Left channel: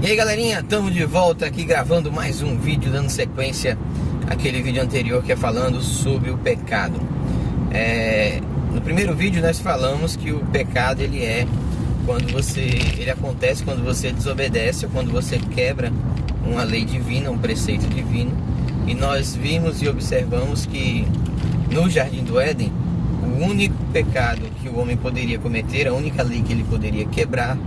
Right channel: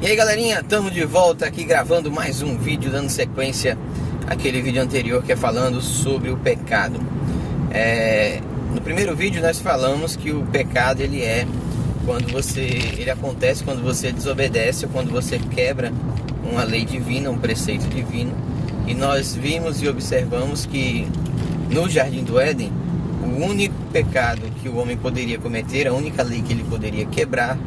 E aí galerinha, estamos de volta aqui gravando mais um vídeo, dando sequência àquele vídeo anterior que é falando sobre o pecado. No primeiro vídeo nós falamos que o pecado ele acontece quando você desobedece ou quando você quebra uma lei divina, um preceito divino. E nós vimos e observamos que no Jardim do Éden, o único pecado que o homem poderia cometer, a única lei que ele poderia quebrar,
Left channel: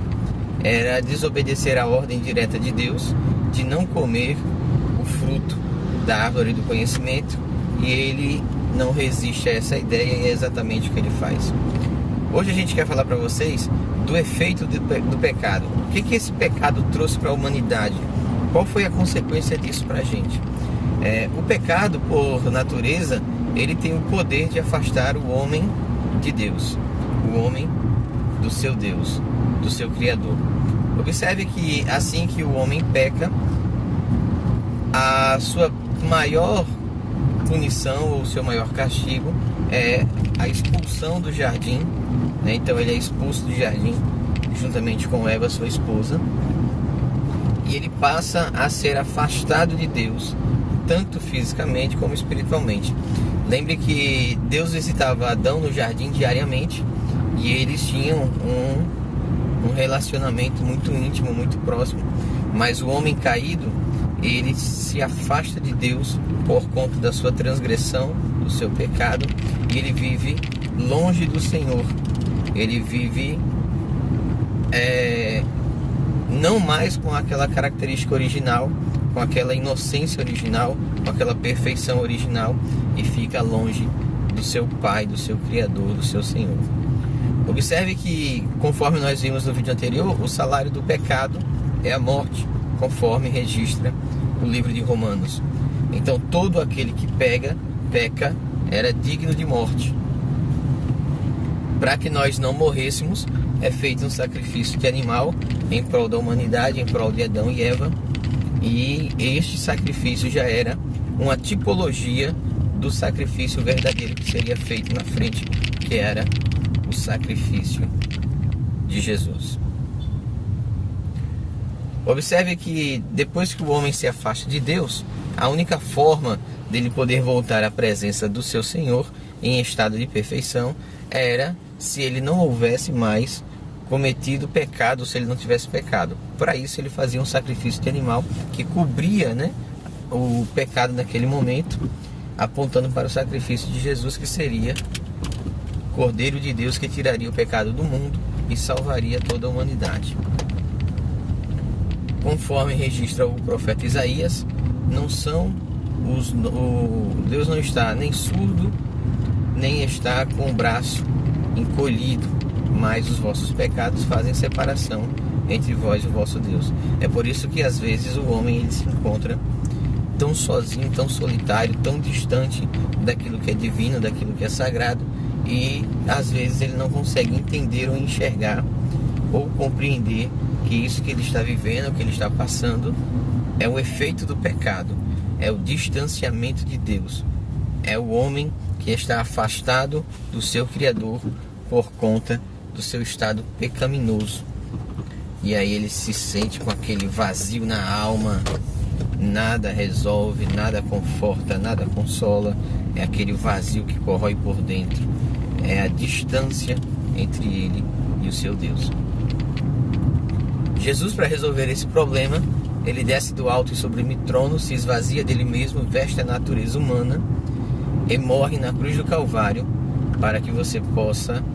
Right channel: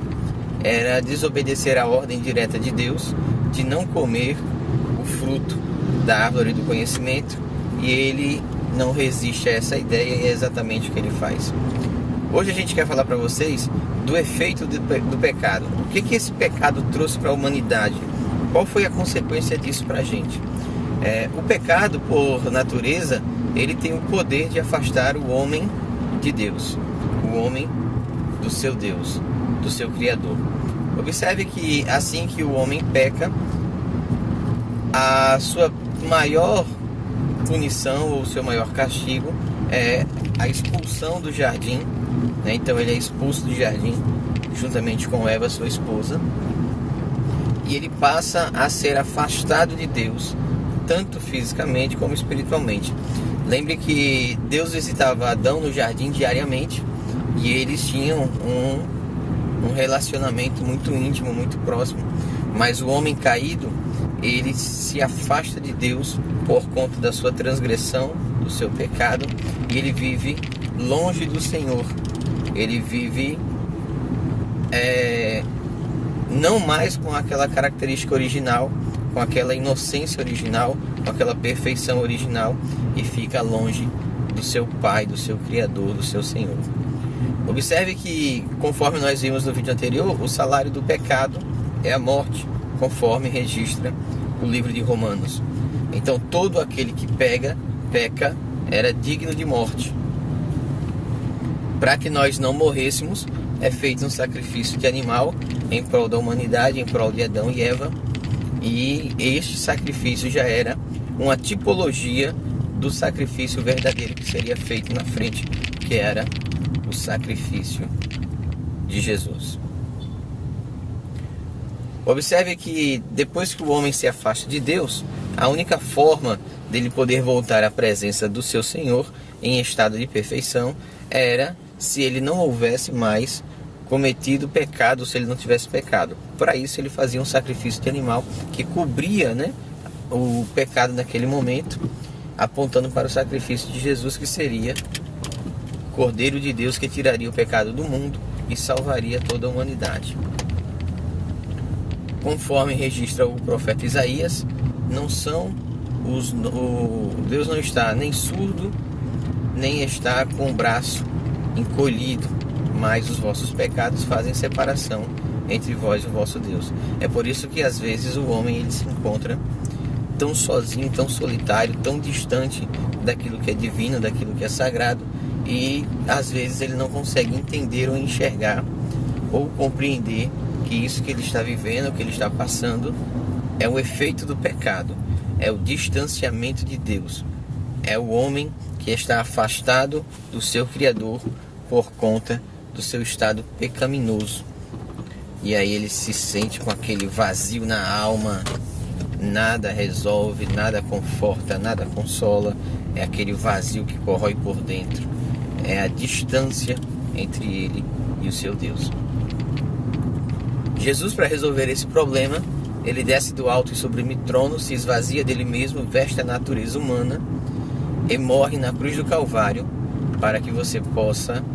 era desobedecer a ordem direta de Deus de não comer o fruto da árvore do conhecimento, e ele não resiste a essa ideia e é exatamente o que ele faz. Hoje a gente quer falar para vocês do efeito do pecado. O que esse pecado trouxe para a humanidade? Qual foi a consequência disso para a gente? O pecado, por natureza, ele tem o poder de afastar o homem de Deus, o homem do seu Deus, do seu Criador. Observe que assim que o homem peca, a sua maior punição ou o seu maior castigo é a expulsão do jardim, né? Então ele é expulso do jardim juntamente com Eva, sua esposa, e ele passa a ser afastado de Deus, tanto fisicamente como espiritualmente. Lembre que Deus visitava Adão no jardim diariamente e eles tinham um relacionamento muito íntimo, muito próximo. Mas o homem caído, ele se afasta de Deus por conta da sua transgressão, do seu pecado, e ele vive longe do Senhor. Ele vive não mais com aquela característica original, com aquela inocência original, com aquela perfeição original, e fica longe do seu Pai, do seu Criador, do seu Senhor. Observe que, conforme nós vimos no vídeo anterior, o salário do pecado é a morte, conforme registra o livro de Romanos. Então todo aquele que peca era digno de morte. Para que nós não morrêssemos, é feito um sacrifício de animal em prol da humanidade, em prol de Adão e Eva. E este sacrifício já era uma tipologia do sacrifício verdadeiro que seria feito na frente, que era o sacrifício de Jesus. Observe que depois que o homem se afasta de Deus, a única forma dele poder voltar à presença do seu Senhor em estado de perfeição era se ele não houvesse mais cometido pecado, se ele não tivesse pecado. Para isso ele fazia um sacrifício de animal que cobria, o pecado naquele momento, apontando para o sacrifício de Jesus, que seria Cordeiro de Deus, que tiraria o pecado do mundo e salvaria toda a humanidade. Conforme registra o profeta Isaías, Deus não está nem surdo, nem está com o braço encolhido, mas os vossos pecados fazem separação entre vós e o vosso Deus. É por isso que às vezes o homem ele se encontra tão sozinho, tão solitário, tão distante daquilo que é divino, daquilo que é sagrado, e às vezes ele não consegue entender ou enxergar ou compreender que isso que ele está vivendo, que ele está passando, é o efeito do pecado, é o distanciamento de Deus, é o homem que está afastado do seu Criador por conta do seu estado pecaminoso. E aí ele se sente com aquele vazio na alma, nada resolve, nada conforta, nada consola, é aquele vazio que corrói por dentro, é a distância entre ele e o seu Deus. Jesus, para resolver esse problema, ele desce do alto e sublime trono, se esvazia dele mesmo, veste a natureza humana e morre na cruz do Calvário para que você possa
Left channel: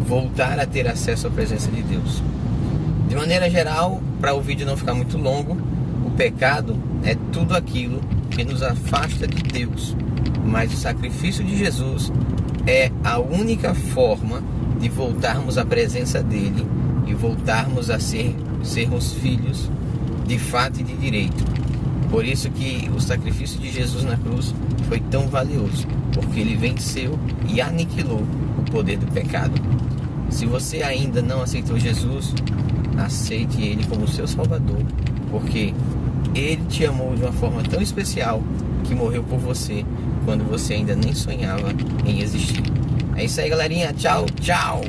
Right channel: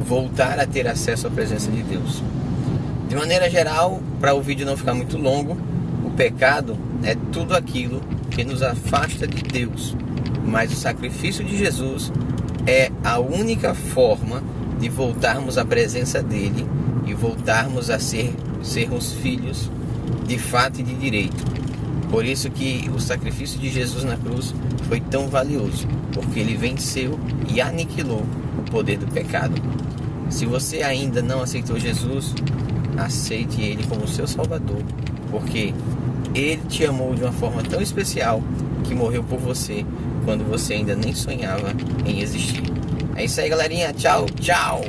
voltar a ter acesso à presença de Deus. De maneira geral, para o vídeo não ficar muito longo, o pecado é tudo aquilo que nos afasta de Deus, mas o sacrifício de Jesus é a única forma de voltarmos à presença dele e voltarmos a sermos filhos de fato e de direito. Por isso que o sacrifício de Jesus na cruz foi tão valioso, porque ele venceu e aniquilou o poder do pecado. Se você ainda não aceitou Jesus, aceite ele como seu Salvador, porque ele te amou de uma forma tão especial que morreu por você quando você ainda nem sonhava em existir. É isso aí, galerinha. Tchau, tchau!